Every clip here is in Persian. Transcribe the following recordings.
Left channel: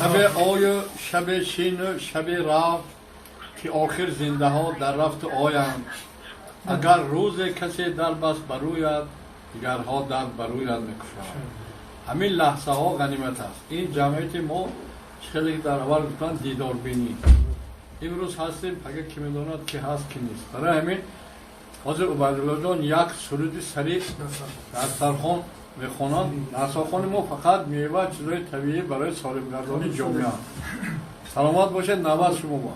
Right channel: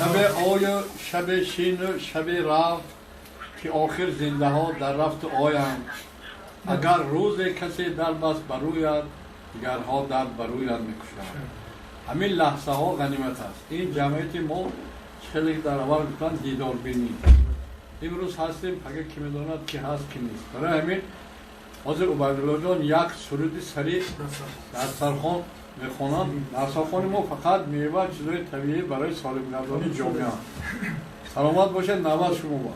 شب آی شب شین و شب رفت که آخر زنده ها در رفت آیند. اگر روز کسی در بست بروید دیگرها در بروید میکشند. همین لحظه ها غنیمت است. این جمعیت ما خیلی در اول گفتن دیدار بینی. امروز هستیم اگر کی میداند که هست کی نیست. برای همین حاضر عبیدالله جان یک سرود سریع در سرخان میخوانند. در سرخان ما فقط میوه چیزای طبیعی برای سالم‌گردانی جامعه. سلامت باشید. نوبت شما با.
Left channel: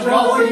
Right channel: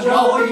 Joy,